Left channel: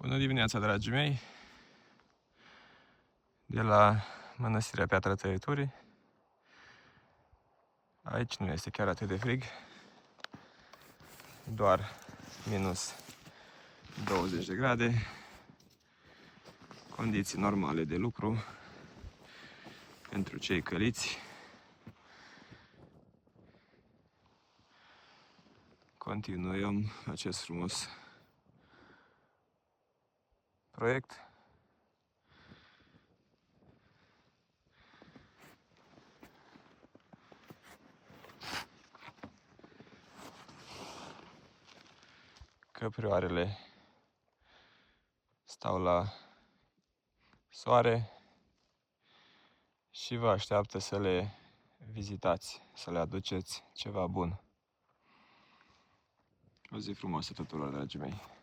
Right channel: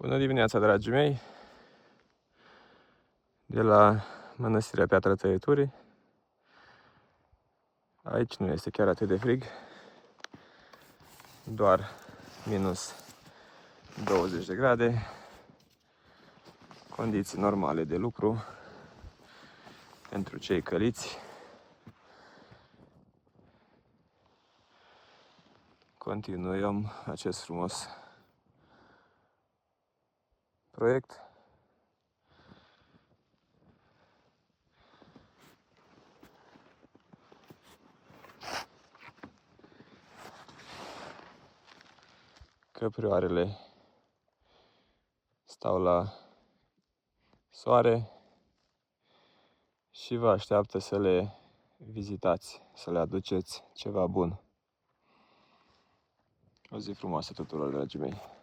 Bună dimineața, dragii mei! De la Mănăstirea Piatra Tăieturii. Aici nu este chiar atât de frig, doar minus 20 de grade. Condiții normale de lucru pentru cei căliți. Continuăm acest frumos proiect. Căprioarele stau la soare și vă așteaptă să le vizitați, să le aduceți ceva bun. O zi frumoasă tuturor, dragii mei!